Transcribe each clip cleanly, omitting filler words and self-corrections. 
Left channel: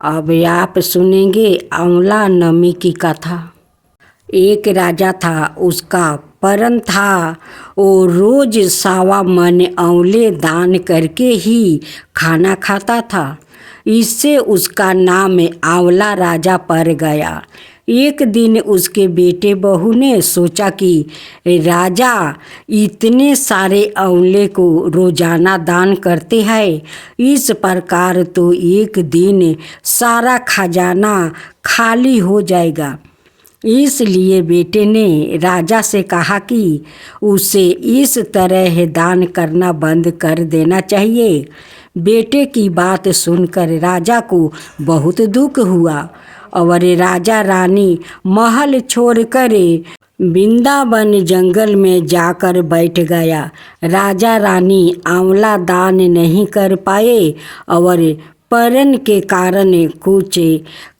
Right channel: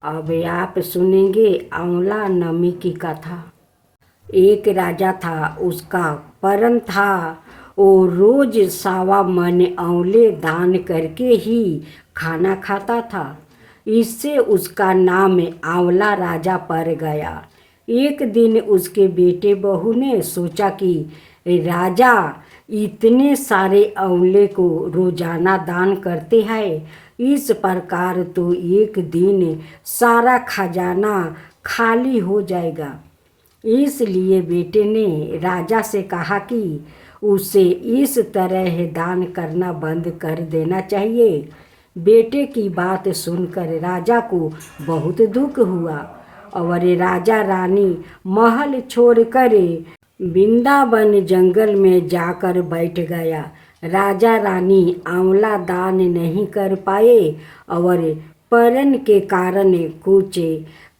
अब आप सुनेंगे आंवला नमी की कथा। एक राजा था, उसका परम था। वो रोज 1.25 मन आंवले दान करके ही खाना खाता था। इससे उसका नाम आंवला राजा पड़ गया। एक दिन उसके बेटे बहू ने सोचा कि राजा इतने सारे आंवले को रोजाना दान करते हैं, इस प्रकार तो एक दिन सारा खजाना खाली हो जाएगा। इसलिए बेटे ने राजा से कहा कि उसे इस तरह दान करना बंद कर देना चाहिए। बेटे की बात सुनकर राजा को बहुत दुख हुआ और राजा रानी महल छोड़कर वृंदावन जंगल में जाकर बैठ गया। राजा रानी आंवला दान नहीं कर पाए और परन के कारण कुछ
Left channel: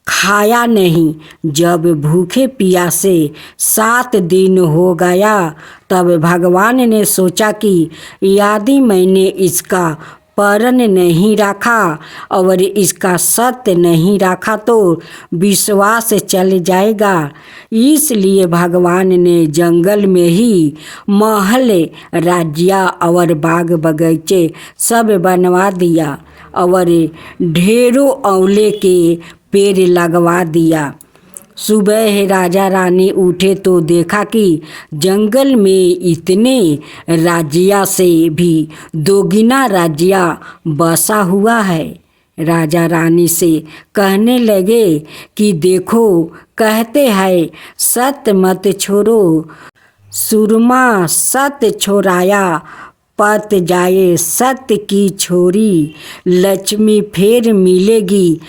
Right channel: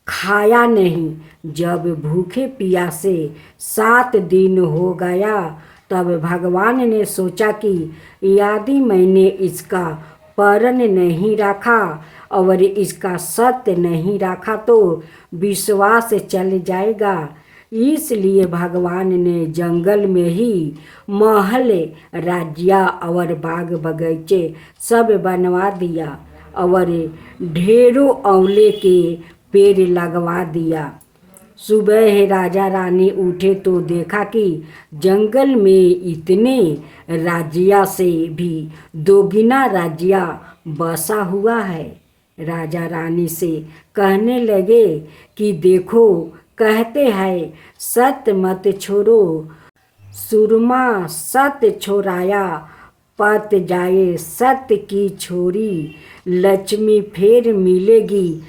खाया नहीं। जब भूखे प्यासे 7 दिन हो गया, तब भगवान ने सोचा कि यदि मैंने इसका परन नहीं रखा और इसका सत्य नहीं रखा तो विश्वास चल जाएगा। इसलिए भगवान ने जंगल में ही महल, राज्य और बाग बगीचे सब बनवा दिया और ढेरों आंवले के पेड़ लगवा दिया। सुबह राजा रानी उठे तो देखा कि जंगल में इतने राज्य से भी दोगुना राज्य बसा हुआ है। राजा रानी से कहने लगे कि देखो, कहते हैं सत्य मत छोड़ो, सुरमा सत्य छोड़ाया पत जाए, सत्य की छोरी लक्ष्मी फिर मिलेगी।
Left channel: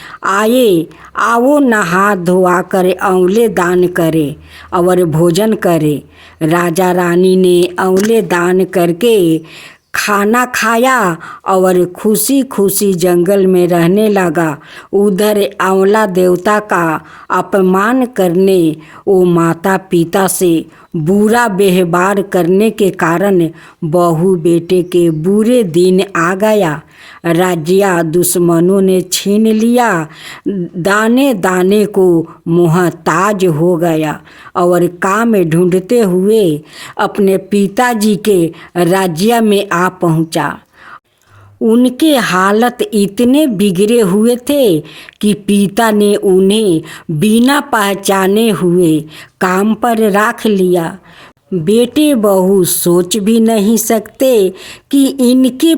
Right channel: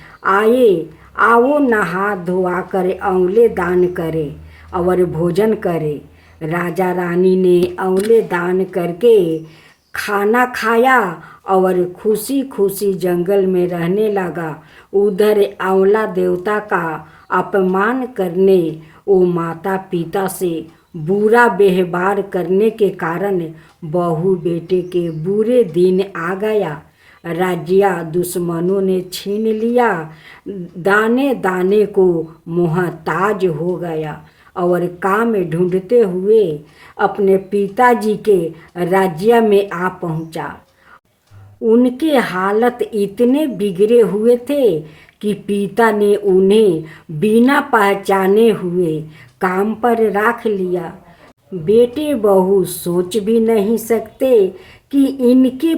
आओ नहा धोआ कर आंवले दान करे और भोजन करे। राजा रानी ने आंवले दान करके खाना खाया और खुशी खुशी जंगल में रहने लगा। उधर आंवला देवता का अपमान करने, वो माता पिता से बुरा व्यवहार करने के कारण बहू बेटे के बुरे दिन आ गया। राज्य दुश्मनों ने छीन लिया, दाने दाने को मोहताज हो गया और काम ढूंढते हुए अपने पिताजी के राज्य में आ पहुंचा। उनके हालत इतने बिगड़े हुए थे कि पिता ने उन्हें बिना पहचाने हुए काम पर रख लिया। बेटे बहू सोच भी नहीं सकते कि इनके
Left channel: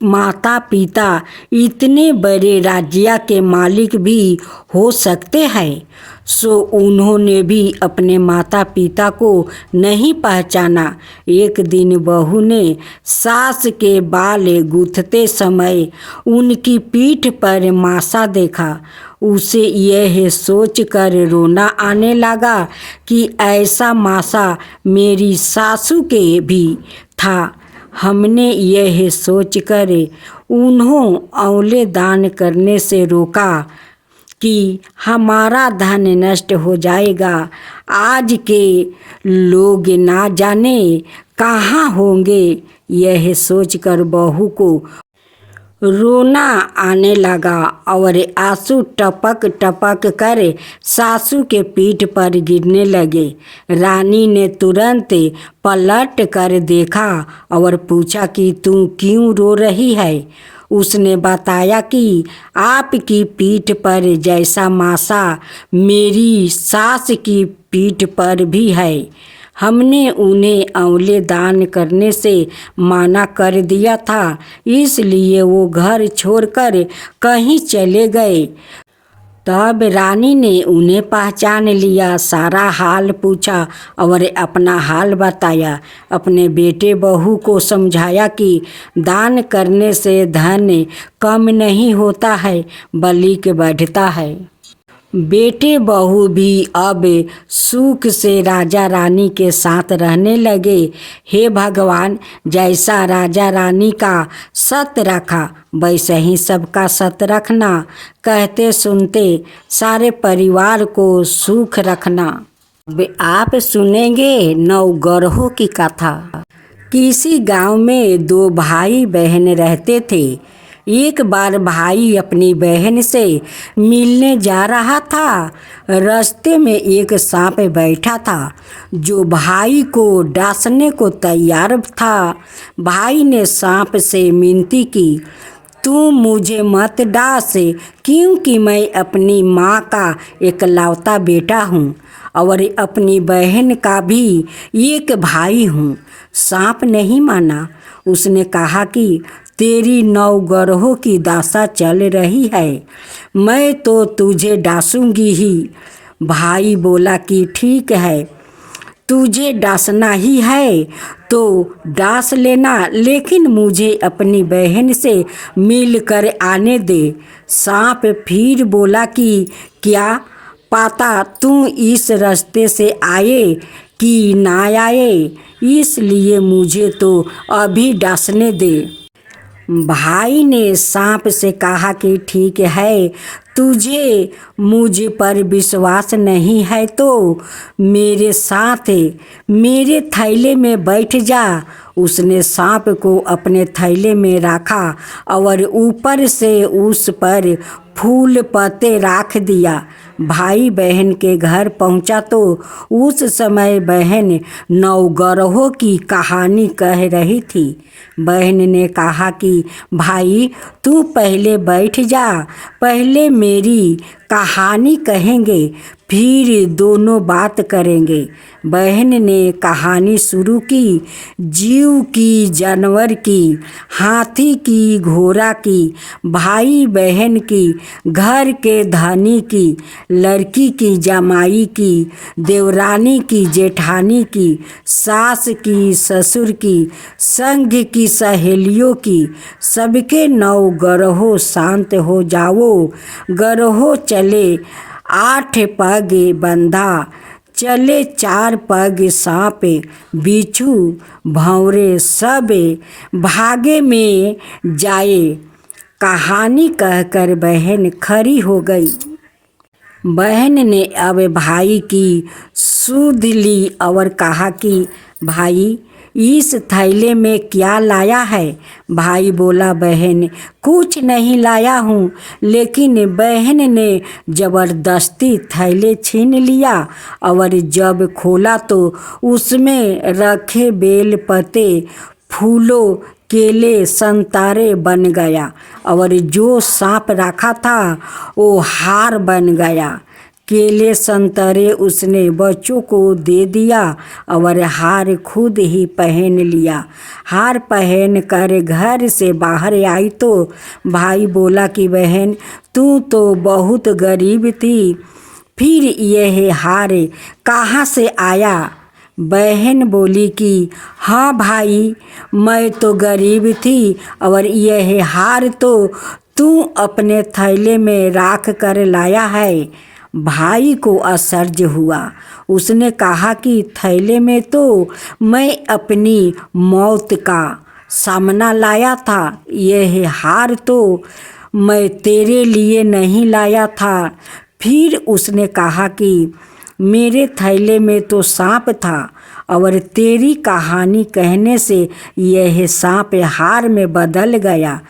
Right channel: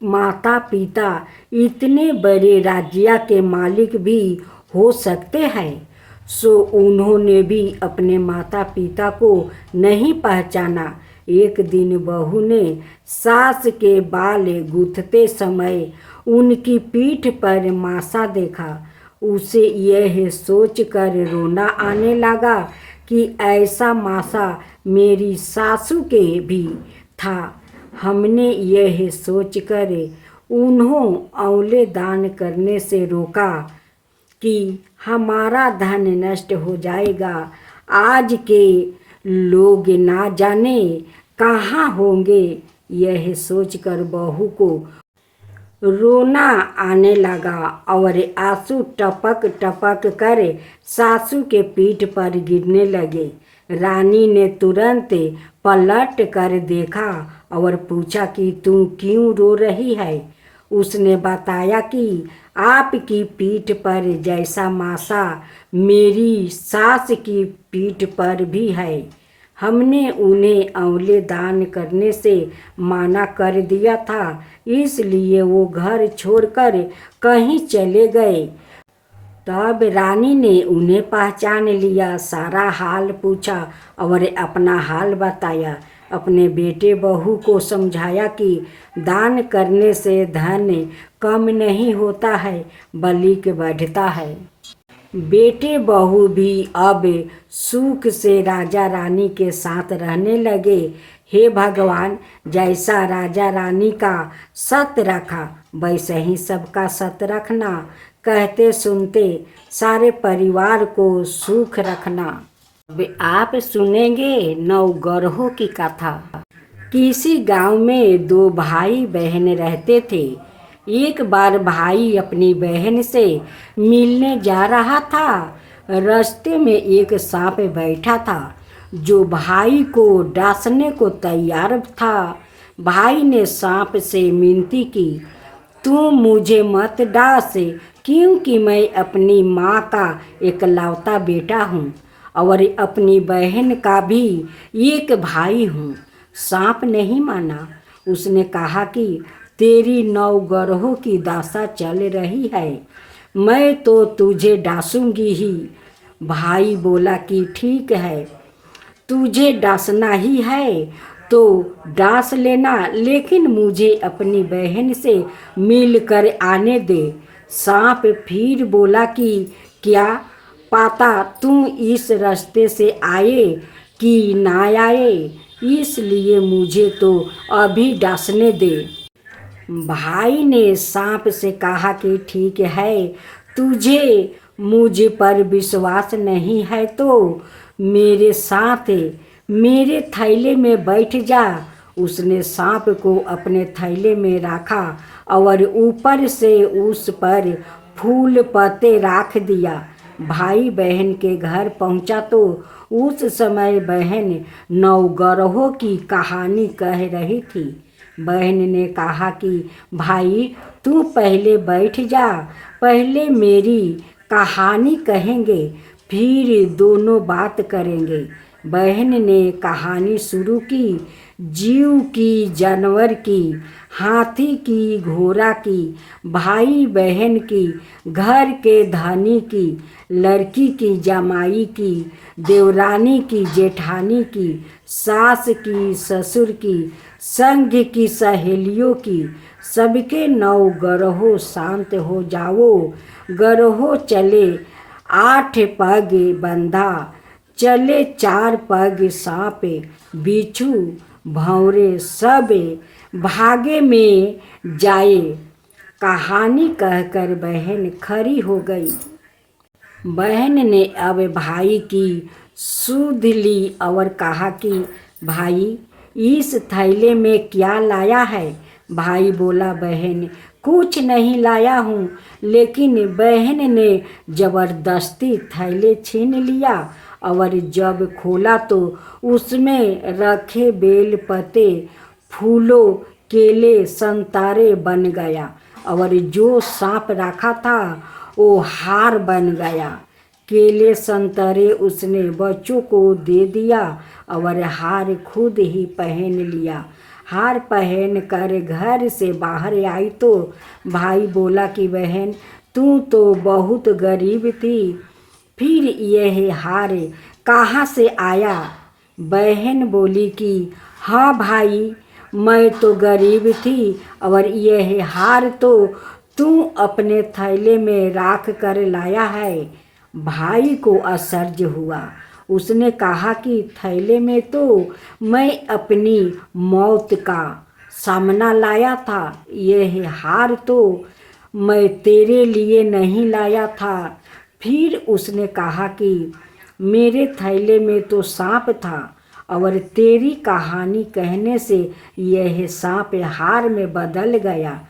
माता पिता इतने बड़े राज्य के मालिक भी हो सकते हैं। सो उन्होंने भी अपने माता पिता को नहीं पहचाना। एक दिन बहू ने सास के बाल गूंथते समय उनकी पीठ पर मासा देखा। उसे यह सोचकर रोना आने लगा कि ऐसा मासा मेरी सासू के भी था। हमने यह सोचकर उन्हों आंवले दान करने से रोका कि हमारा धन नष्ट हो जाएगा। आज के लोग ना जाने कहाँ होंगे। यह सोचकर बहू को रोना आने लगा और आंसू टपक टपक कर सासू के पीठ पर गिरने लगे। रानी ने तुरंत पलट कर देखा और पूछा कि तू क्यों रो रही है। उसने बताया कि आपकी पीठ पर जैसा मासा मेरी सास की पीठ पर भी है। हमने उन्हें आंवले दान करने से मना कर दिया था, इसलिए वो घर छोड़कर कहीं चले गए। तब रानी ने उन्हें पहचान लिया, सारा हाल पूछा और अपना हाल बताया। अपने बेटे बहू को समझाया कि दान करने से धन कम नहीं होता है, बल्कि बढ़ता है। बेटे बहू भी अब सुख से राजा रानी के साथ रहने लगे। हे भगवान, जैसा राजा रानी का सत्य रखा वैसे ही सबका सत्य रखना। कहते सुनते सारे परिवार को सुख रखना। अब आप सुनेंगे नवग्रहों की कथा। किसी गांव में 2 भाई बहन रहते थे। एक बार भाई अपनी बहन से मिलने जा रहा था। रास्ते में एक सांप बैठा था जो भाई को डांसने को तैयार था। भाई ने सांप से विनती की, तू मुझे मत डांस, क्योंकि मैं अपनी माँ का इकलौता बेटा हूँ और अपनी बहन का भी एक भाई हूँ। सांप नहीं माना। उसने कहा कि तेरी 9 ग्रहों की दशा चल रही है, मैं तो तुझे डांसूंगी ही। भाई बोला कि ठीक है, तुझे डांसना ही है तो डांस लेना, लेकिन मुझे अपनी बहन से मिल कर आने दे। सांप फिर बोला कि क्या पता तुम इस रास्ते से आए कि ना आए, इसलिए मुझे तो अभी डांसने दे। भाई ने सांप से कहा कि ठीक है, तुझे मुझ पर विश्वास नहीं है तो मेरे साथ मेरे थैले में बैठ जा। उसने सांप को अपने थैले में रखा और ऊपर से उस पर फूल पत्ते रख दिया। भाई बहन के घर पहुंचा तो उस समय बहन 9 ग्रहों की कहानी कह रही थी। बहन ने कहा कि भाई तू पहले बैठ जा, पहले मेरी कहानी कहेंगे, फिर दोनों बात करेंगे। बहन ने कहानी शुरू की। जीव की, जानवर की, हाथी की, घोड़ा की, भाई बहन की, घर के धनी की, लड़की की, जमाई की, देवरानी की, जेठानी की, सास की, ससुर की, संग की, सहेलियों की, सबके 9 ग्रहों शांत हो जाओ। ग्रहों चले 8 पग बंधा, चले 4 पग सांप, बिच्छू भंवरे सब भागे में जाए। कहानी कहकर बहन खड़ी हो गई। बहन ने अब भाई की सुध ली और कहा कि भाई इस थैले में क्या लाया है। भाई बोला, बहन कुछ नहीं लाया हूँ, लेकिन बहन ने ज़बरदस्ती थैले छीन लिया और जब खोला तो उसमें रखे बेल पत्ते, फूलों, केले, संतरे बन गया और जो सांप रखा था वो हार बन गया। केले संतरे उसने बच्चों को दे दिया और हार खुद ही पहन लिया। हार पहन कर घर से बाहर आई तो भाई बोला कि बहन तू तो बहुत गरीब थी, फिर यह हार कहाँ से आया। बहन बोली कि हाँ भाई, मैं तो गरीब थी और यह हार तो तू अपने थैले में रख कर लाया है। भाई को आश्चर्य हुआ। उसने कहा कि थैले में तो मैं अपनी मौत का सामना लाया था, यह हार तो मैं तेरे लिए नहीं लाया था। फिर उसने कहा कि मेरे थैले में तो सांप था और तेरी कहानी कहने से यह सांप हार में बदल गया।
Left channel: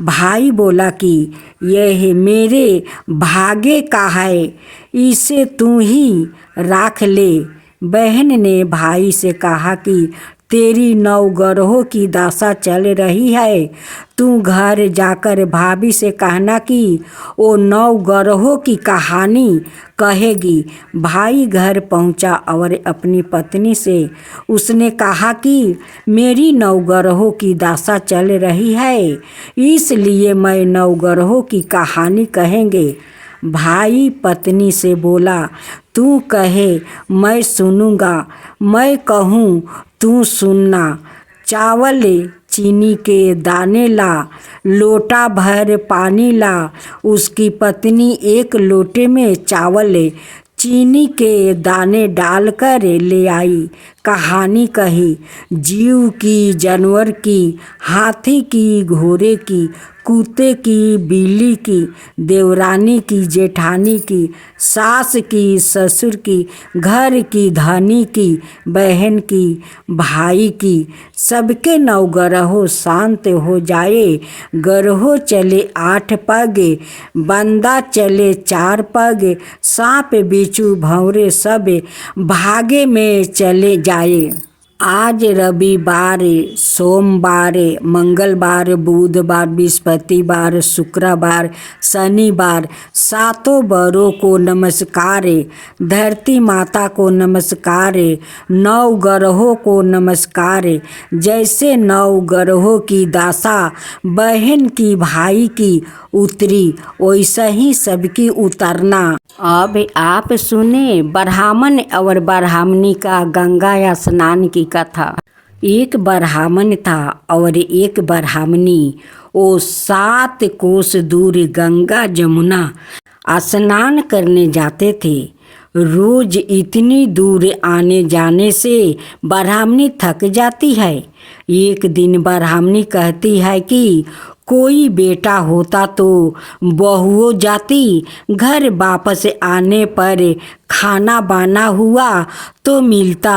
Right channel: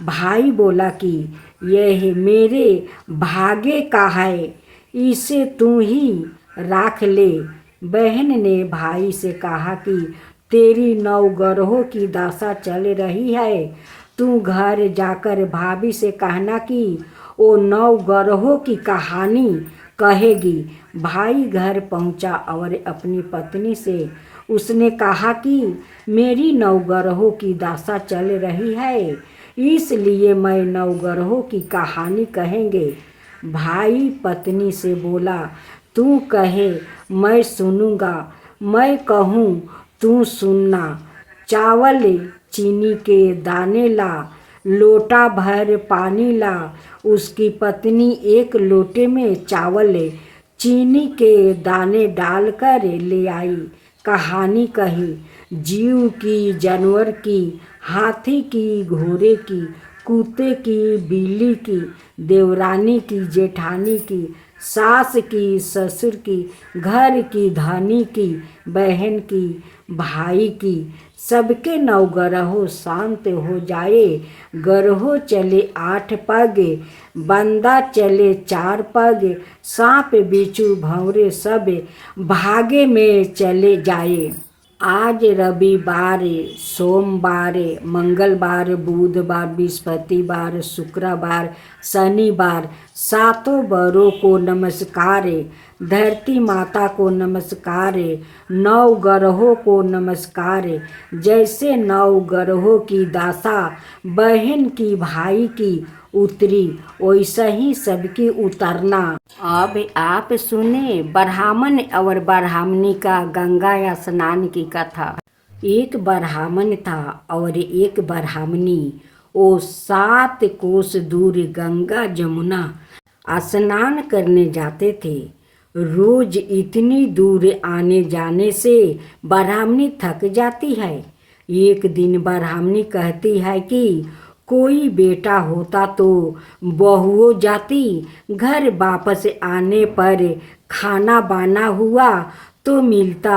भाई बोला कि यह मेरे भाग्य का है, इसे तू ही रख ले। बहन ने भाई से कहा कि तेरी 9 ग्रहों की दशा चल रही है, तू घर जाकर भाभी से कहना कि वो 9 ग्रहों की कहानी कहेगी। भाई घर पहुंचा और अपनी पत्नी से उसने कहा कि मेरी 9 ग्रहों की दशा चल रही है, इसलिए मैं 9 ग्रहों की कहानी कहेंगे। भाई पत्नी से बोला, तू कहे मैं सुनूंगा, मैं कहूँ तू सुनना। चावल चीनी के दाने ला, लोटा भर पानी ला। उसकी पत्नी एक लोटे में चावल चीनी के दाने डालकर ले आई। कहानी कही, जीव की, जानवर की, हाथी की, घोड़े की, कुत्ते की, बिल्ली की, देवरानी की, जेठानी की, सास की, ससुर की, घर की, धनी की, बहन की, भाई की, सबके 9 ग्रहों शांत हो जाए। ग्रहों चले 8 पग, बंदा चले 4 पग, सांप बिच्छू भंवरे सब भागे में चले जाए। आज रविवार, सोमवार, मंगलवार, बुधवार, बृहस्पतिवार, शुक्रवार, शनिवार, 7 बरों को नमस्कार, धरती माता को नमस्कार, 9 ग्रहों को नमस्कार। जैसे 9 ग्रहों की दशा बहन की, भाई की उतरी, वैसा ही सबकी उतरना। अब आप सुने ब्राह्मण और ब्राह्मणी का गंगा स्नान की कथा। एक ब्राह्मण था और एक ब्राह्मणी। वो 7 कोस दूर गंगा जमुना स्नान करने जाते थे। रोज इतनी दूर आने जाने से ब्राह्मणी थक जाती है। एक दिन ब्राह्मणी कहती है कि कोई बेटा होता तो बहुओं जाती, घर वापस आने पर खाना बना हुआ तो मिलता,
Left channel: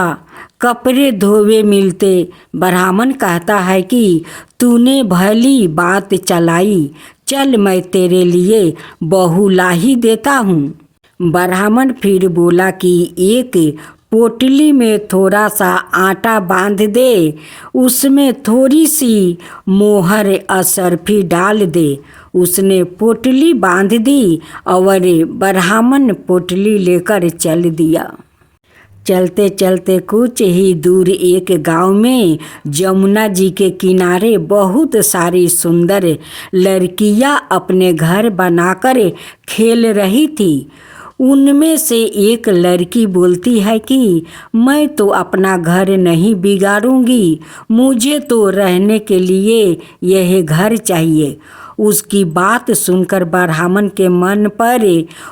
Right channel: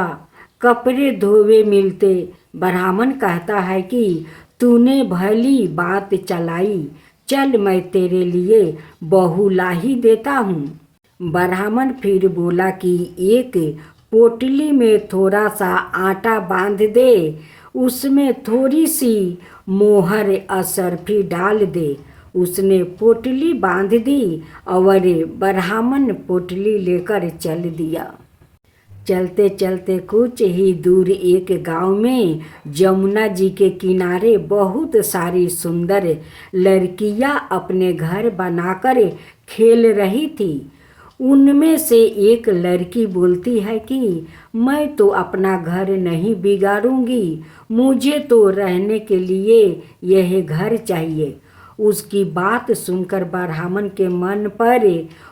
कपड़े धोवे मिलते। ब्राह्मण कहता है कि तूने भली बात चलाई, चल मैं तेरे लिए बहू ला ही देता हूँ। ब्राह्मण फिर बोला कि एक पोटली में थोड़ा सा आटा बांध दे, उसमें थोड़ी सी मोहर असरफी डाल दे। उसने पोटली बांध दी और ब्राह्मण पोटली लेकर चल दिया। चलते चलते कुछ ही दूर एक गांव में जमुना जी के किनारे बहुत सारी सुंदर लड़कियां अपने घर बनाकर खेल रही थी। उनमें से एक लड़की बोलती है कि मैं तो अपना घर नहीं बिगाड़ूंगी, मुझे तो रहने के लिए यह घर चाहिए। उसकी बात सुनकर ब्राह्मण के मन पर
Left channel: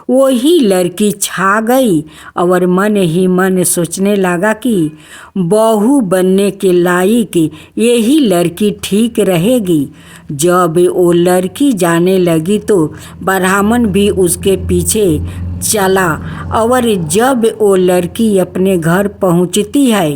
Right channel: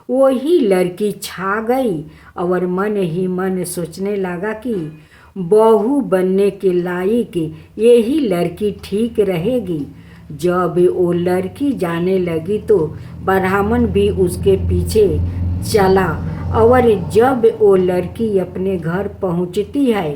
वही लड़की छा गई और मन ही मन सोचने लगा कि बहू बनने के लायक यही लड़की ठीक रहेगी। जब वो लड़की जाने लगी तो ब्राह्मण भी उसके पीछे चला और जब वो लड़की अपने घर पहुंचती है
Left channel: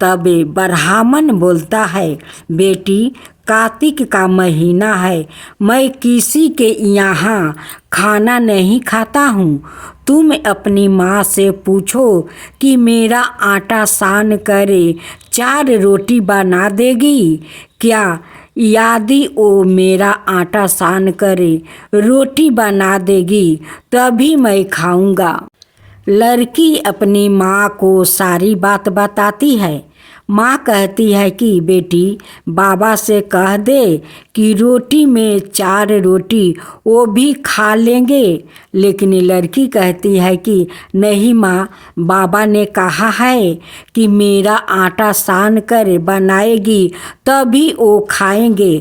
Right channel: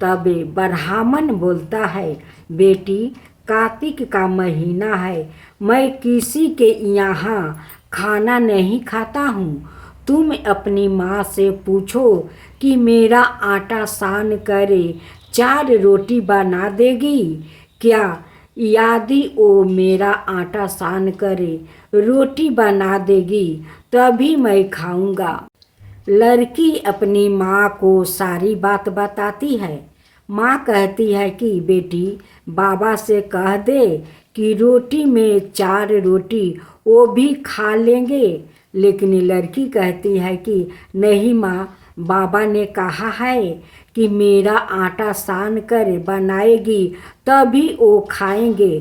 तब ब्राह्मण बोलता है, बेटी कार्तिक का महीना है, मैं किसी के यहाँ खाना नहीं खाता हूँ। तुम अपनी माँ से पूछो कि मेरा आटा सान करे 4 रोटी बना देगी क्या। यदि वो मेरा आटा सान करे रोटी बना देगी तभी मैं खाऊंगा। लड़की अपनी माँ को सारी बात बताती है। माँ कहती है कि बेटी बाबा से कह दे कि रोटी में 4 रोटी वो भी खा लेंगे। लेकिन लड़की कहती है कि नहीं माँ, बाबा ने कहा है कि मेरा आटा सान कर बनाएगी तभी वो खाएंगे।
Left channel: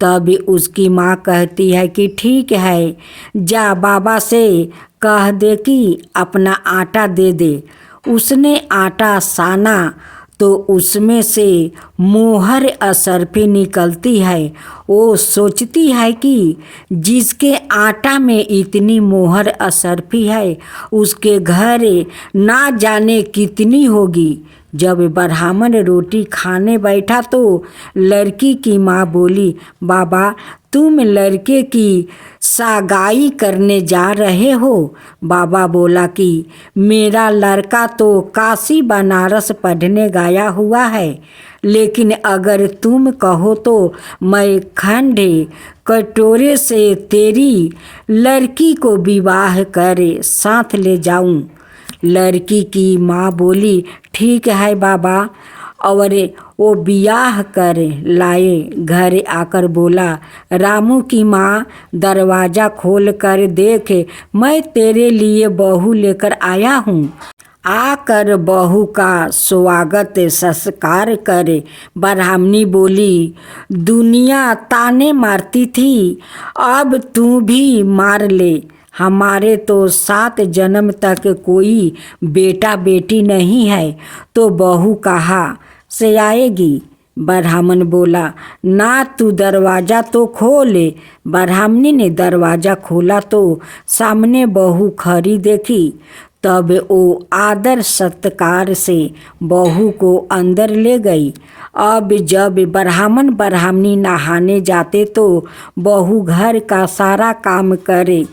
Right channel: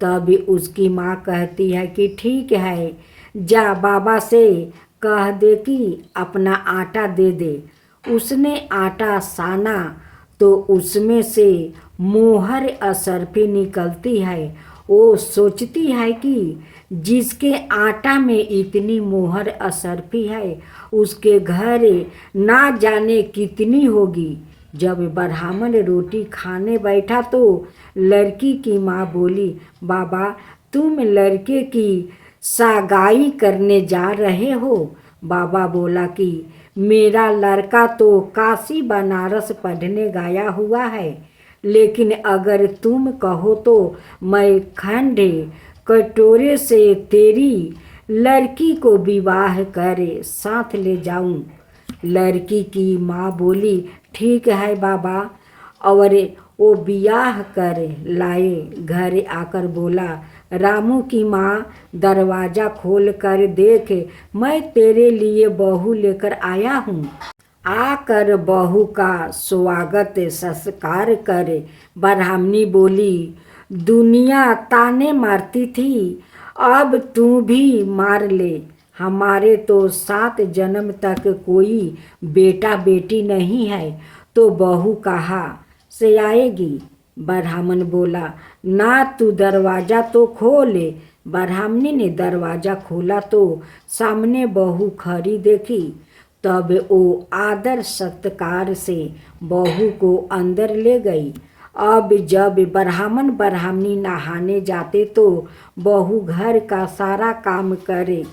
तब उसकी माँ कहती है कि ठीक है, जा बाबा से कह दे कि अपना आटा दे दे। उसने आटा साना तो उसमें से मोहर असरफी निकलती है। वो सोचती है कि जिसके आटा में इतनी मोहर असरफी है उसके घर ना जाने कितनी होगी। जब ब्राह्मण रोटी खाने बैठा तो लड़की की माँ बोली, बाबा तुम लड़के की सगाई करने जा रहे हो। बाबा बोला कि मेरा लड़का तो काशी बनारस पढ़ने गया हुआ है, लेकिन अगर तुम कहो तो मैं खंड कटोरे से तेरी लड़की को विवाह करे साथ ले जाऊं। लड़की की माँ बोली, ठीक है बाबा, और वो ब्याह कर लाए। घर आकर बोला, रामू की माँ दरवाज़ा खोल कर देख, मैं तेरे लिए बहू लेकर आया हूँ। आकर बहू का स्वागत संस्कार कर। ब्राह्मणी बोली, दुनिया ताने मारती थी, अब तू भी मार ले। हमारे तो 7 जन्म तक कोई बेटा बेटी नहीं है, तो बहू कहाँ से आएगी। ब्राह्मण बोला, ना तू दरवाज़ा तो खोले। ब्राह्मणी ने दरवाज़ा खोला तो सामने बहू खड़ी देखी। तब वो आदर सत्कार से बहू को अंदर ले गई। अब जब ब्राह्मण ब्राह्मणी नहाने जाते तो बहू घर का सारा काम करे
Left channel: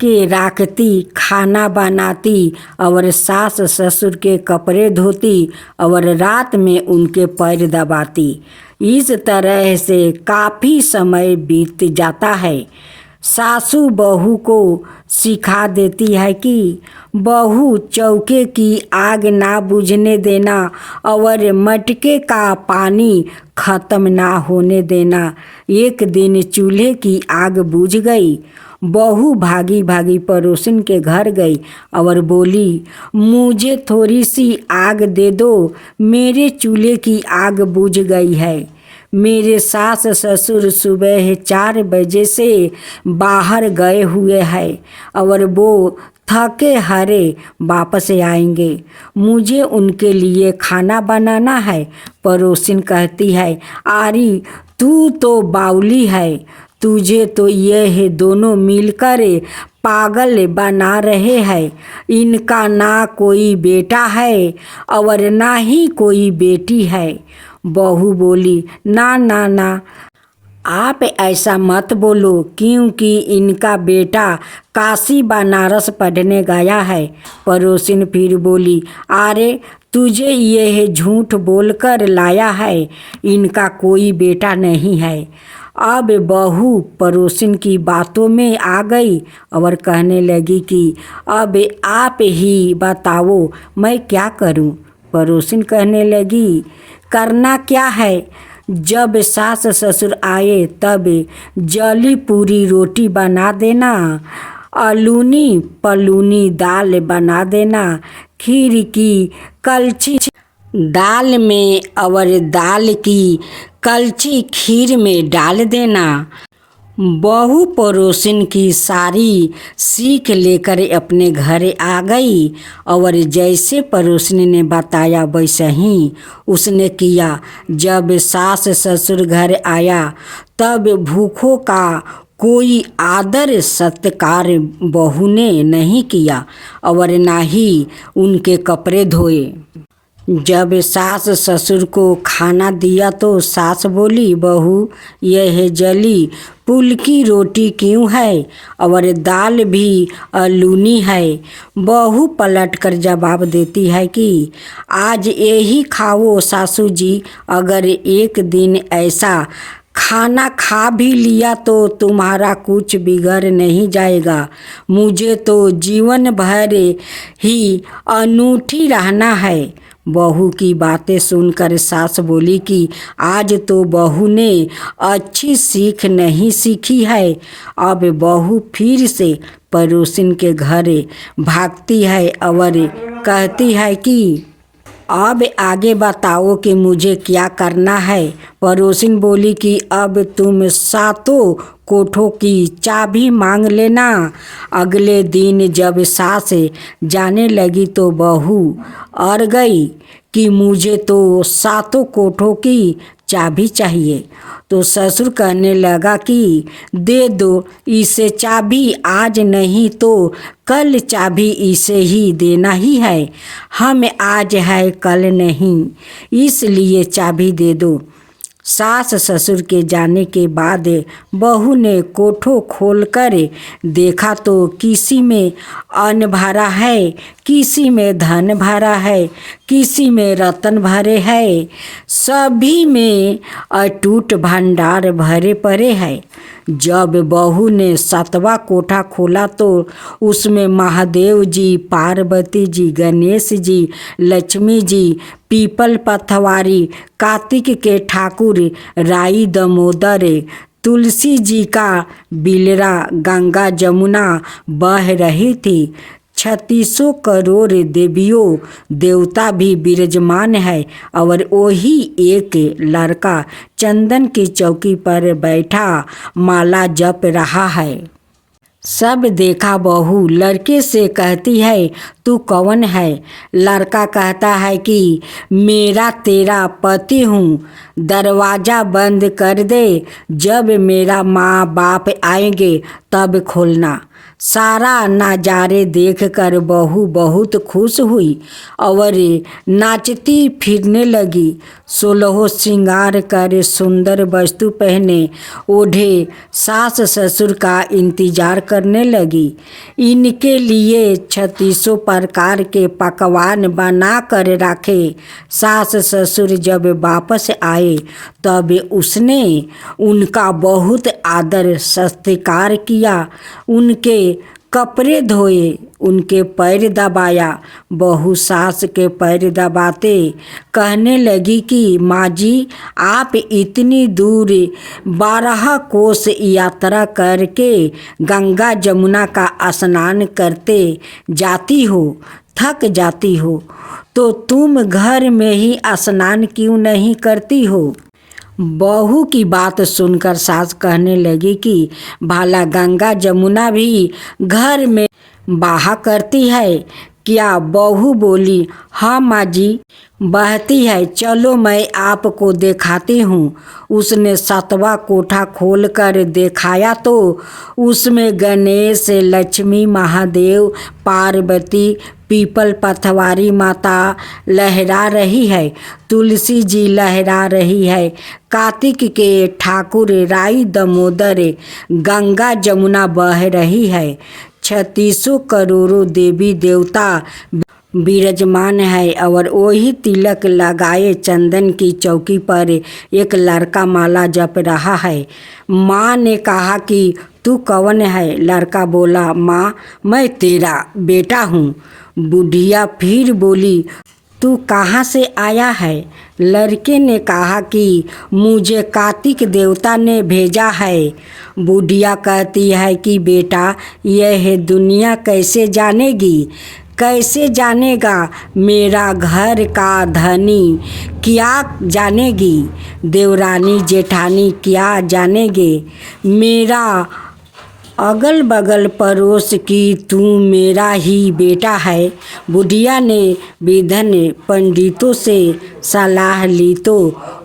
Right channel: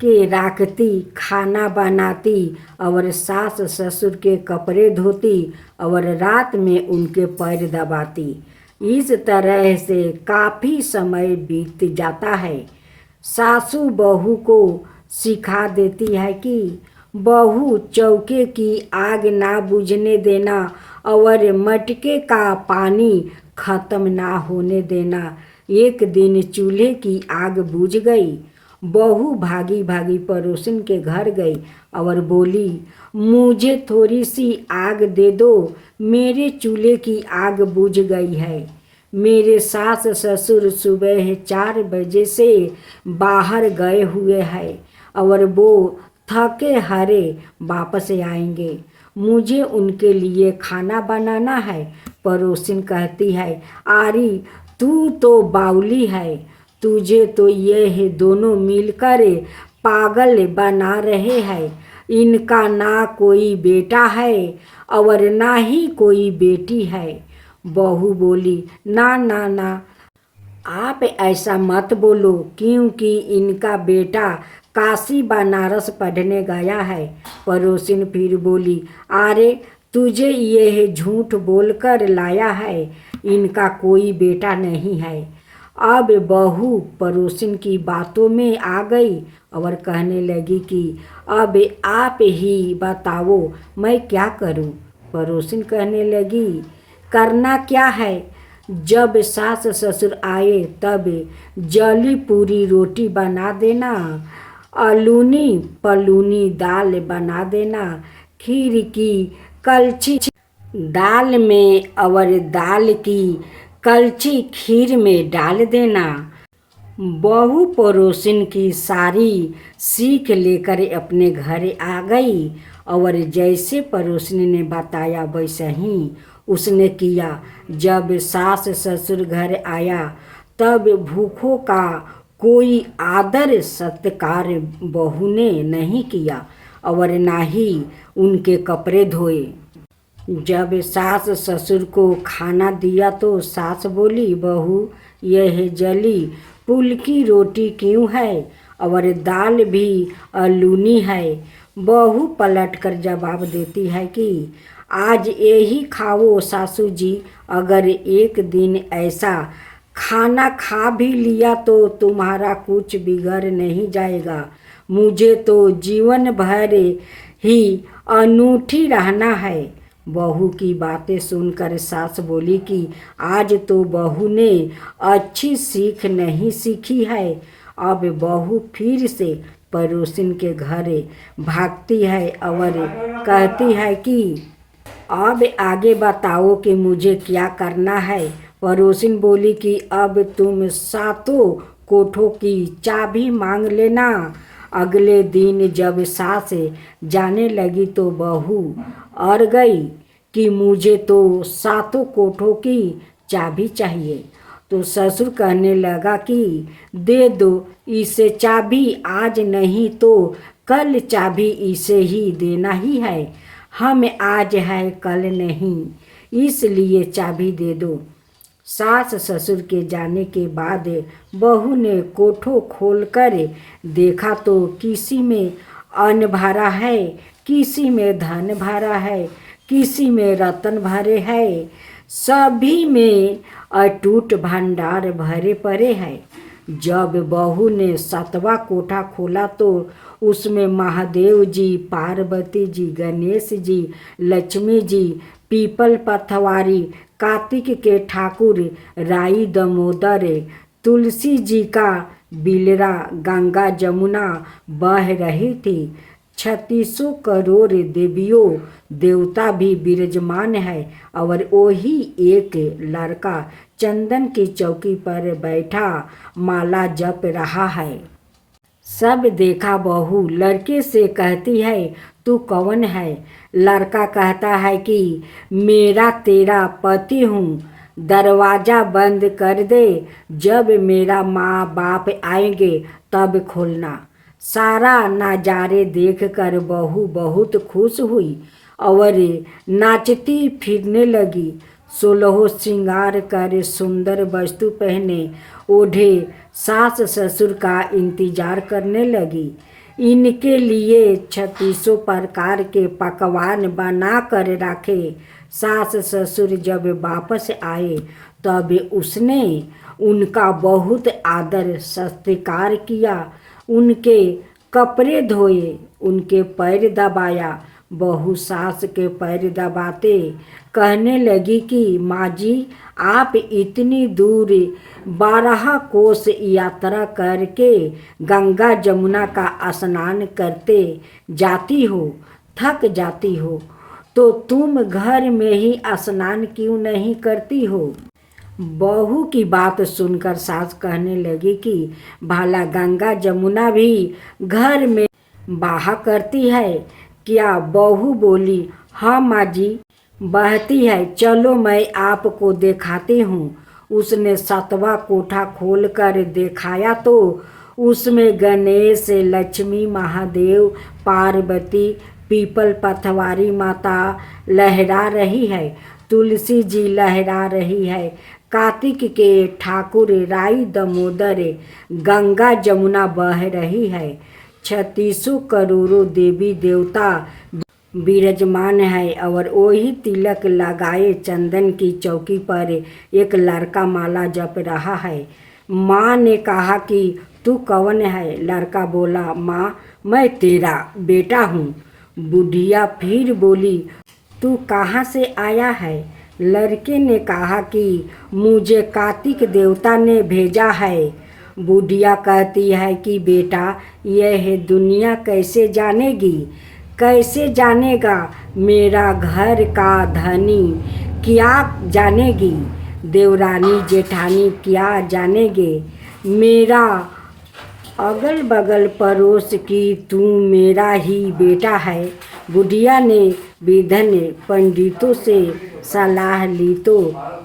के राखती, खाना बनाती और सास ससुर के कपड़े धोती और रात में उनके पैर दबाती। इस तरह से काफ़ी समय बीत जाता है। सासू बहू को सिखा देती है कि बहू चौके की आग ना बुझने देना और मटके का पानी ख़त्म ना होने देना। एक दिन चूल्हे की आग बुझ गई। बहू भागी भागी पड़ोसन के घर गई और बोली, मुझे थोड़ी सी आग दे दो, मेरे चूल्हे की आग बुझ गई है। मेरे सास ससुर सुबह 4 बजे से बाहर गए हुए हैं और वो थके हारे वापस आएंगे। मुझे उनके लिए खाना बनाना है। पड़ोसिन कहती है, आरी तू तो बाउली है, तुझे तो ये दोनों मिलकर पागल बना रहे हैं। इनका ना कोई बेटा है और ना ही कोई बेटी है। बहू बोली, ना ना ना, आप ऐसा मत बोलो, क्योंकि इनका बेटा काशी बनारस पढ़ने गया है। पड़ोसिन फिर बोली, अरे तुझे यह झूठ बोलकर लाया है, इनका कोई बेटा नहीं है। अब बहू पड़ोसिन की बातों में आ गई और कहने लगी कि अब आप ही बताओ मैं क्या करूं। पड़ोसिन कहने लगी, करना क्या है, जब सास ससुर आए तब जली पूरी रोटी बना देना, अलूनी पलूनी दाल बना देना, खीर की कलछी दाल में और दाल की कलछी खीर में डाल देना। बहू पड़ोसिन की सारी सीख लेकर अपने घर आ गई और जैसे पड़ोसिन ने बताया वैसे ही उसने किया। जब सास ससुर घर आया तब भूखों का कोई आदर सत्कार बहू ने नहीं किया और ना ही उनके कपड़े धोए। जब सास ससुर को खाना दिया तो सास बोली, बहू यह जली पुल की रोटी क्यों है और दाल भी अलूनी है। बहू पलट कर जवाब देती है कि आज यही खाओ सासू जी, अगर एक दिन ऐसा खाना खा भी लिया तो तुम्हारा कुछ बिगड़ नहीं जाएगा। मुझे तो जीवन भर ही अनूठी रहना है। बहू की बातें सुनकर सास बोली कि आज तो बहू ने अच्छी सीख नहीं सीखी है। अब बहू फिर से पड़ोसिन के घर भागती है और कहती है कि अब आगे बताओ कि मुझे क्या करना है। पड़ोसिन बोली कि अब तुम 7 कोठों की चाबी मांग लेना। अगले दिन जब सास जाने लगी तो बहू अड़ गई कि मुझे तो 7 कोठों की चाबी चाहिए। तो ससुर कहने लगा कि दे दो इसे चाबी, आज नहीं तो कल चाबी इसे ही देना ही है। हम आज है कल नहीं, इसलिए चाबी दे दो। सास ससुर के जाने के बाद बहू ने कोठो खोलकर देखा तो किसी में अन्न भरा है, किसी में धन भरा है, किसी में रत्न भरे है, सभी में अटूट भंडार भरे पड़े हैं। जब बहू ने 7वां कोठा खोला तो उसमें महादेव जी, पार्वती जी, गणेश जी, लक्ष्मी जी, पीपल पथवारी, कार्तिक के ठाकुर, राई दामोदर, तुलसी जी का बिलरा, गंगा जमुना बह रही थी। 36 करोड़ देवियों देवता भी विराजमान है और वही एक लड़का चंदन की चौकी पर बैठा माला जप रहा है। सब देखा बहू लड़के से कहती है तू कौन है। लड़का कहता है कि मेरा तेरा पति हूँ, दरवाज़ा बंद कर दे, जब मेरा माँ बाप आएंगे तब खोलना। सारा नज़ारे देखकर बहू बहुत खुश हुई और नाचती फिरने लगी। 16 श्रृंगार कर सुंदर वस्तु पहने ओढ़े सास ससुर का इंतजार करने लगी। इनके लिए 36 प्रकार के पकवान बना कर रखे। सास ससुर जब वापस आए तब उसने उनका बहुत आदर सत्कार किया, उनके कपड़े धोए, उनके पैर दबाया। बहू सास के पैर दबाते कहने लगी कि माँ जी, आप इतनी दूर 12 कोस यात्रा करके गंगा जमुना का स्नान करते जाती हो, थक जाती हो, तो तुम घर में ही स्नान क्यों नहीं करती हो। बहू की बात सुनकर सास कहने लगी कि भाला गंगा जमुना भी घर में बहा करती है क्या। बहू बोली हाँ माँ जी, बहती है, चलो मैं आपको दिखाती हूँ। उसने 7वां कोठा खोलकर दिखाया तो उसमें गणेश, लक्ष्मी, महादेव, पार्वती, पीपल पथवारी माता लहरा रही है, तुलसी जी लहरा रही है, कार्तिक के ठाकुर राई दामोदर, गंगा जमुना बह रही है, 36 करोड़ों देवी देवता विराजमान है और वही तिलक लगाए चंदन की चौकी पर एक लड़का माला जप रहा है। माँ ने कहा कि तू कौन है। लड़का बोला माँ, मैं तेरा बेटा हूँ। बुढ़िया फिर बोली तू कहाँ से आया है। लड़के ने कहा कि मुझे कार्तिक देवता ने भेजा है। बुढ़िया कहती है कि बेटा, यह दुनिया कैसे जानेगी, कैसे जानेगा, मेरा घर का धनी क्या जानेगी, देवरानी जेठानी क्या जानेंगे, मेरा अगल बगल पड़ोस की तू मेरा ही बेटा है। बुढ़िया ने विधन पंडितों से सलाह ली तो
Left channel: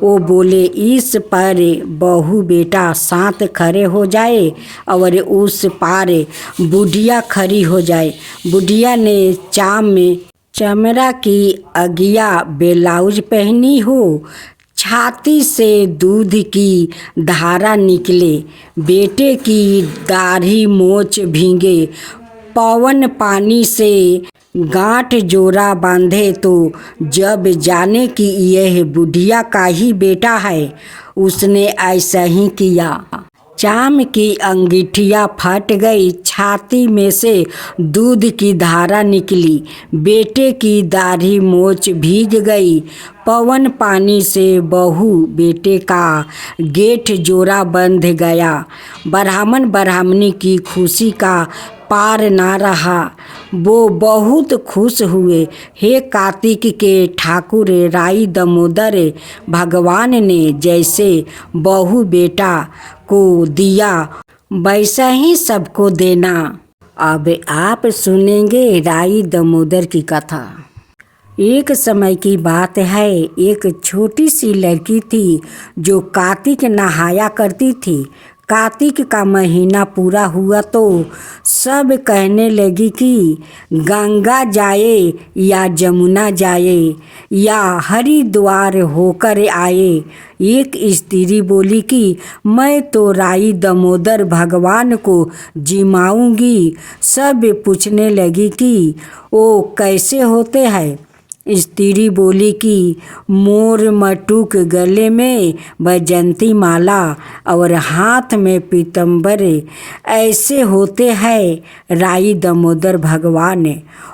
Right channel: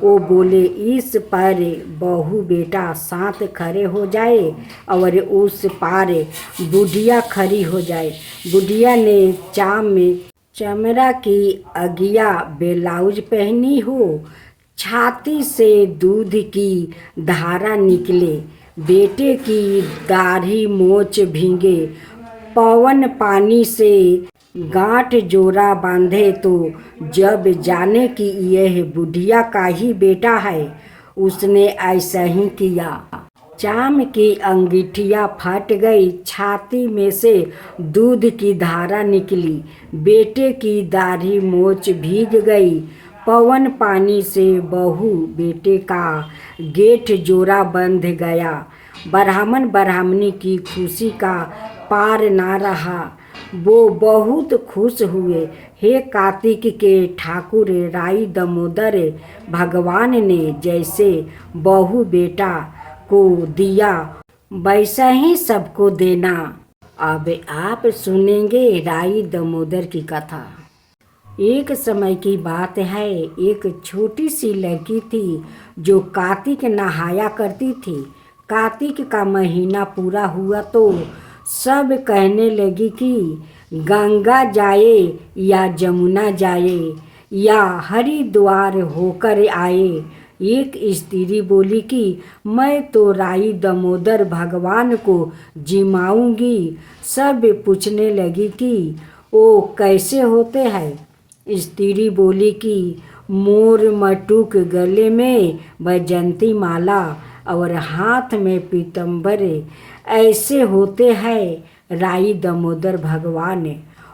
वो बोले इस पर बहू बेटा साथ खड़े हो जाए और उस पार बुढ़िया खड़ी हो जाए। बुढ़िया ने चाम में चमड़ा की अगिया ब्लाउज पहनी हो, छाती से दूध की धारा निकले, बेटे की दाढ़ी मोछ भीगे, पवन पानी से गांठ जोड़ा बांधे तो जब जाने कि यह बुढ़िया का ही बेटा है। उसने ऐसा ही किया। चाम की अंगीठियाँ फट गई, छाती में से दूध की धारा निकली, बेटे की दाढ़ी मोछ भीग गई, पवन पानी से बहू बेटे का गेट जोड़ा बंध गया। ब्राह्मण ब्राह्मणी की खुशी का पार ना रहा, वो बहुत खुश हुए। हे कार्तिक के ठाकुर राई दामोदर, भगवान ने जैसे बहू बेटा को दिया वैसा ही सबको देना। अब आप सुनेंगे राई दामोदर की कथा। एक समय की बात है, एक छोटी सी लड़की थी जो कार्तिक नहाया करती थी। कार्तिक का महीना पूरा हुआ तो सब कहने लगी कि गंगा जाए या जमुना जाए या हरिद्वार होकर आए। एक स्त्री बोली कि मैं तो राई दामोदर भगवान को जिमाऊंगी। सब पूछने लगी कि वो कैसे होते हैं। स्त्री बोली कि मोर मटुक, गले में बैजंती माला और हाथ में पीतम्बर, ऐसे होते हैं राई दामोदर भगवान।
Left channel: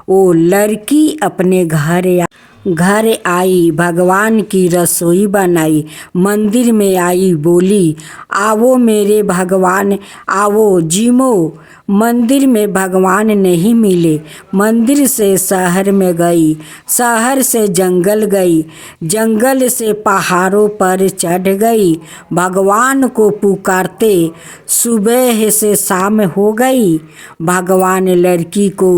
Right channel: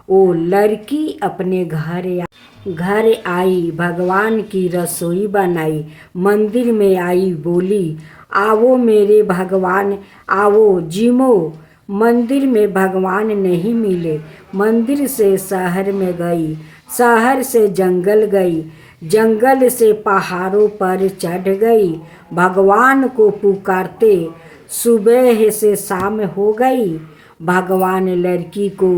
वो लड़की अपने घर आई, भगवान की रसोई बनाई, मंदिर में आई, बोली आओ मेरे भगवान आओ जिमो। मंदिर में भगवान नहीं मिले, मंदिर से शहर में गई, शहर से जंगल गई, जंगल से पहाड़ों पर चढ़ गई, भगवान को पुकारते सुबह से शाम हो गई। भगवान लड़की को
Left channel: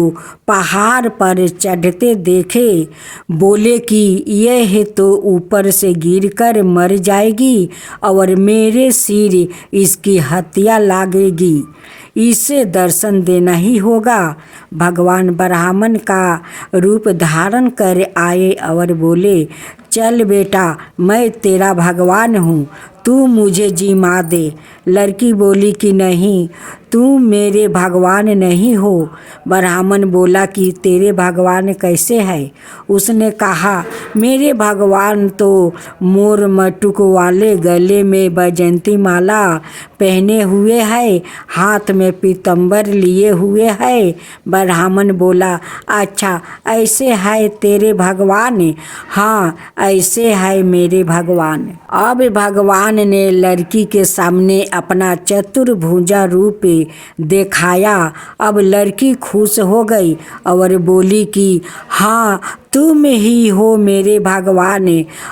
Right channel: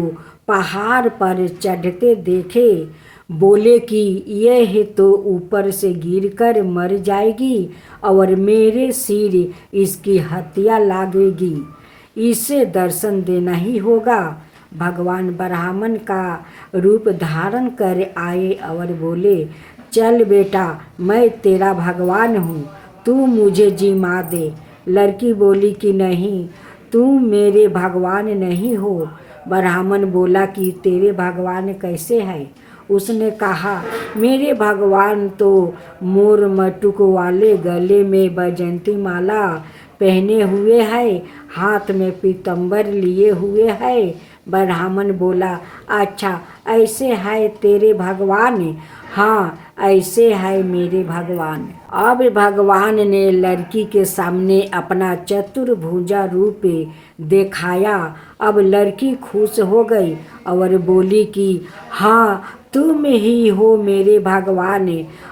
पहाड़ पर चढ़ते देखे, बोले कि यह तो ऊपर से गिरकर मर जाएगी और मेरे सिर इसकी हत्या लगेगी, इसे दर्शन देना ही होगा। भगवान ब्राह्मण का रूप धारण कर आए और बोले, चल बेटा, मैं तेरा भगवान हूँ, तू मुझे जिमा दे। लड़की बोली कि नहीं, तू मेरे भगवान नहीं हो। ब्राह्मण बोला कि तेरे भगवान कैसे है? उसने कहा, मेरे भगवान तो मोर मटुक वाले, गले में बैजंती माला पहने हुए है, हाथ में पीतम्बर लिए हुए है। ब्राह्मण बोला, अच्छा ऐसे है तेरे भगवान? हाँ ऐसे है मेरे भगवान। अब भगवान ने लड़की के सामने अपना चतुर्भुजा रूप दिखाया। अब लड़की खुश हो गई और बोली कि हाँ तुम ही हो मेरे भगवान।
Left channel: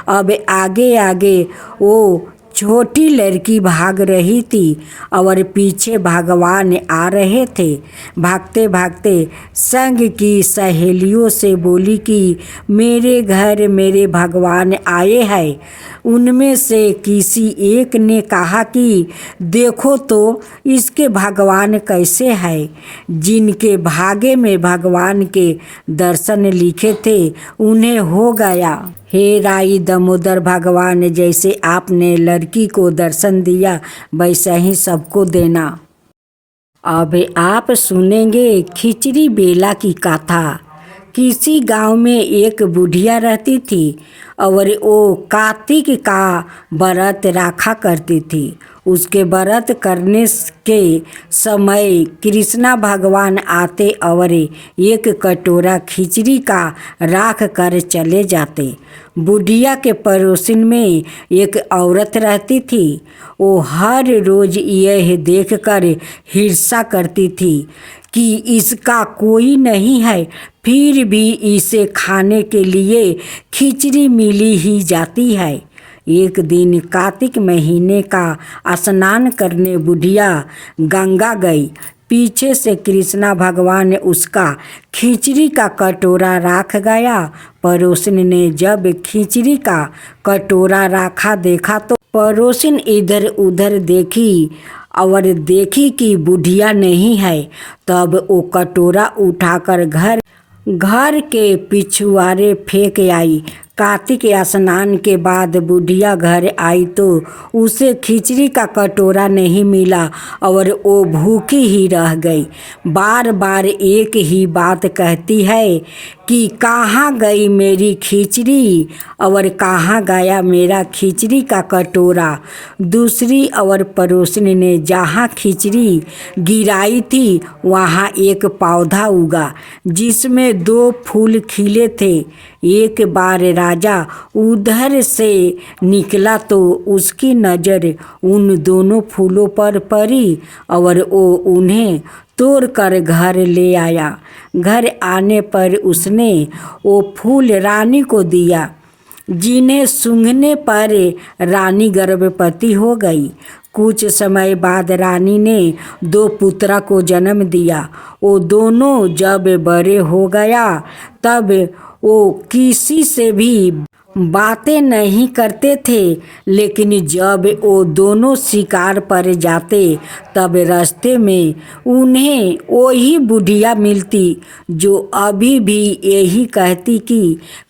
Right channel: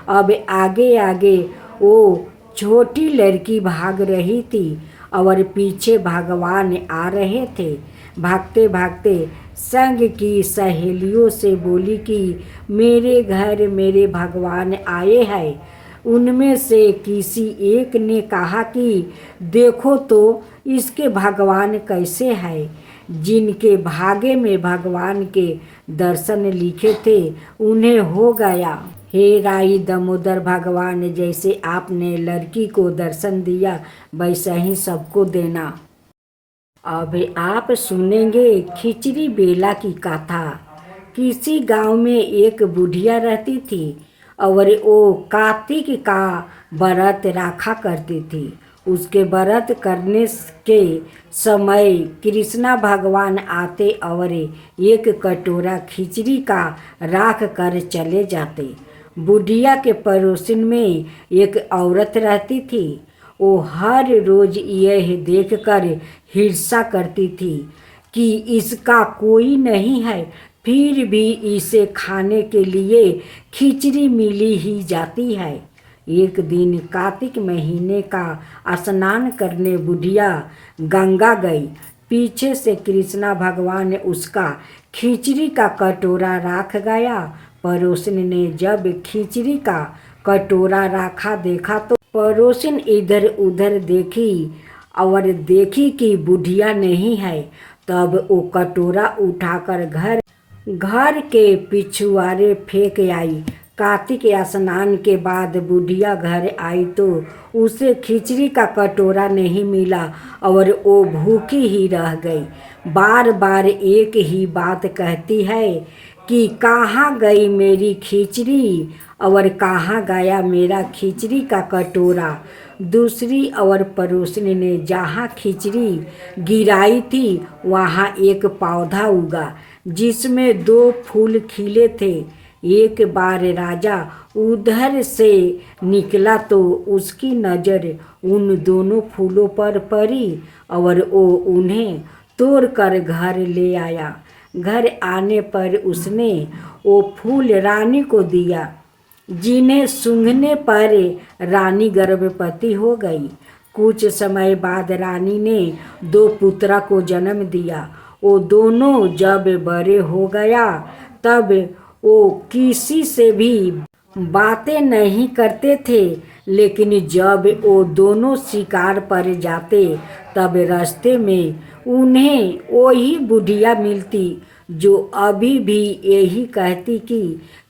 अब आगे आगे वो छोटी लड़की भाग रही थी और पीछे भगवान आ रहे थे। भागते भागते संग की सहेलियों से बोली कि मेरे घर मेरे भगवान आए हैं। उनमें से किसी एक ने कहा कि देखो तो इसके भगवान कैसे है। जिनके भाग्य में भगवान के दर्शन लिखे थे उन्हें हो गया। हे राई दामोदर भगवान, जैसे आपने लड़की को दर्शन दिया वैसा ही सबको देना। अब आप सुनेंगे खिचड़ी बेला की कथा। किसी गांव में एक बुढ़िया रहती थी और वो कार्तिक का व्रत रखा करती थी। उसके व्रत करने के समय कृष्णा भगवान आते और एक कटोरा खिचड़ी का राख कर चले जाते। बुढ़िया के पड़ोसन में एक औरत रहती थी। वो हर रोज यह देखकर ईर्ष्या करती थी कि इसका कोई नहीं है, फिर भी इसे खाने के लिए खिचड़ी मिली ही जाती है। एक दिन कार्तिक महीने का स्नान करने बुढ़िया गंगा गई। पीछे से कृष्णा भगवान उसका खिचड़ी का कटोरा रख गया। पड़ोसन ने जब खिचड़ी का कटोरा रखा देखा तो पड़ोसन इधर उधर देखी और देखी कि बुढ़िया नहीं है। तब वो कटोरा उठाकर घर के पिछुआरे फेंक आई। कार्तिक स्नान के बाद बुढ़िया घर आई तो उसे खिचड़ी का कटोरा नहीं मिला और वो भूखी ही रह गई। बार बार एक ही बात कहती है कि कहाँ गई मेरी खिचड़ी और कहाँ गया मेरा खिचड़ी का कटोरा। दूसरी और पड़ोसन ने जहाँ खिचड़ी गिराई थी वहाँ एक पौधा उगा जिसमें 2 फूल खिले थे। एक बार राजा उधर से निकला तो उसकी नज़र उन दोनों फूलों पर पड़ी और वो उन्हें तोड़कर घर ले आया। घर आने पर उसने वो फूल रानी को दिया, जिन्हें सूंघने पर रानी गर्भवती हो गई। कुछ समय बाद रानी ने 2 पुत्रा को जन्म दिया। वो दोनों जब बड़े हो गया तब वो किसी से भी बातें नहीं करते थे, लेकिन जब वो दोनों शिकार पर जाते तब रास्ते में उन्हें वही बुढ़िया मिलती जो अभी भी यही कहती कि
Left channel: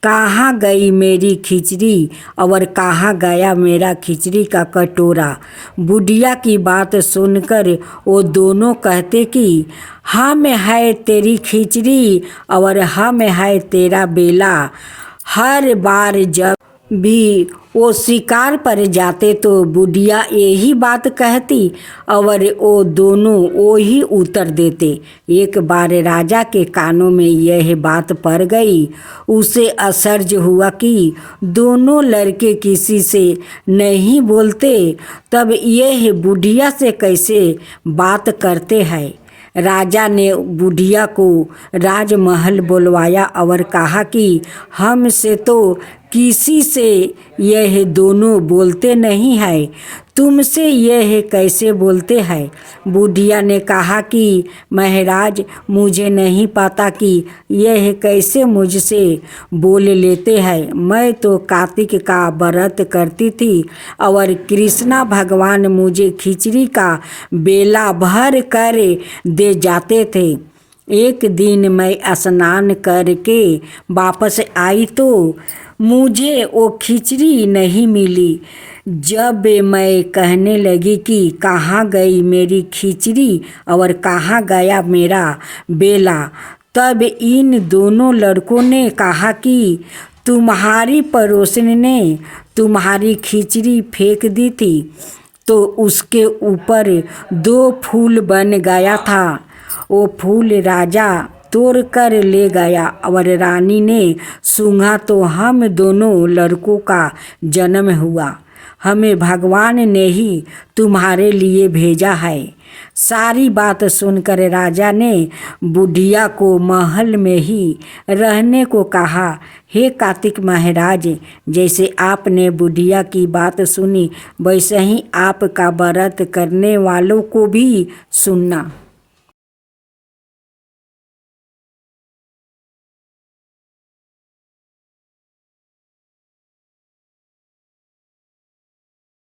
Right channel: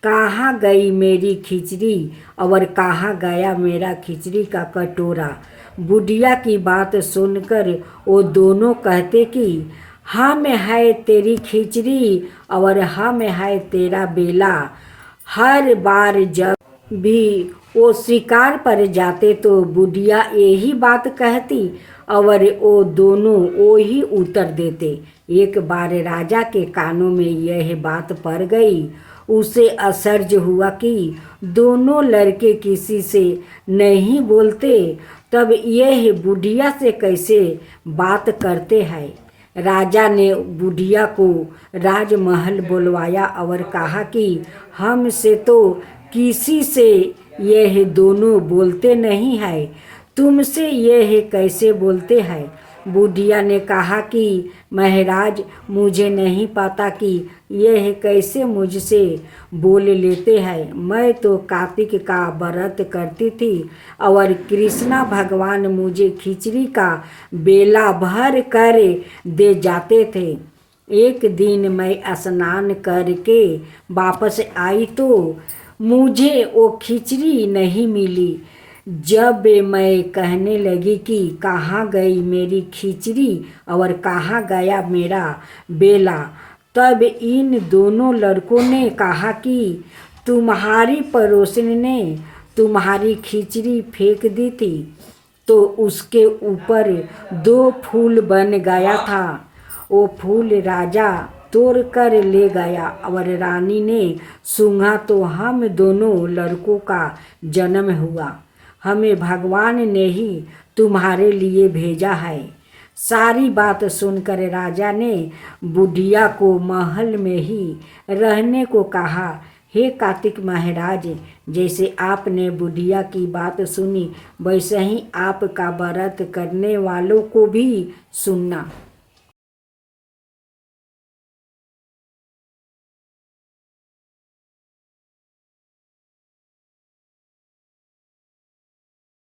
कहाँ गई मेरी खिचड़ी और कहाँ गया मेरा खिचड़ी का कटोरा। बुढ़िया की बात सुनकर वो दोनों कहते कि हम है तेरी खिचड़ी और हम है तेरा बेला। हर बार जब भी वो शिकार पर जाते तो बुढ़िया यही बात कहती और वो दोनों वही उत्तर देते। एक बार राजा के कानों में यह बात पड़ गई। उसे आश्चर्य हुआ कि दोनों लड़के किसी से नहीं बोलते, तब यह बुढ़िया से कैसे बात करते हैं। राजा ने बुढ़िया को राजमहल बुलवाया और कहा कि हमसे तो किसी से यह दोनों बोलते नहीं है, तुमसे यह कैसे बोलते हैं। बुढ़िया ने कहा कि महाराज, मुझे नहीं पता कि यह कैसे मुझसे बोल लेते हैं। मैं तो कार्तिक का व्रत करती थी और कृष्णा भगवान मुझे खिचड़ी का बेला भर कर दे जाते थे। एक दिन मैं स्नान करके वापस आई तो मुझे वो खिचड़ी नहीं मिली। जब मैं कहने लगी कि कहाँ गई मेरी खिचड़ी और कहाँ गया मेरा बेला, तब इन दोनों लड़कों ने कहा कि तुम्हारी पड़ोसन ने तुम्हारी खिचड़ी फेंक दी थी, तो उसके ऊपर 2 फूल बन गया था। वो फूल राजा तोड़ कर ले गया और रानी ने सूंघा तो हम दोनों लड़कों का जन्म हुआ। हमें भगवान ने ही तुम्हारे लिए भेजा है। सारी बात सुनकर राजा ने बुढ़िया को महल में ही रहने को कहा। हे कार्तिक महाराज, जैसे आपने बुढ़िया की बात सुनी, वैसे ही आपका व्रत करने वालों को भी सुनना।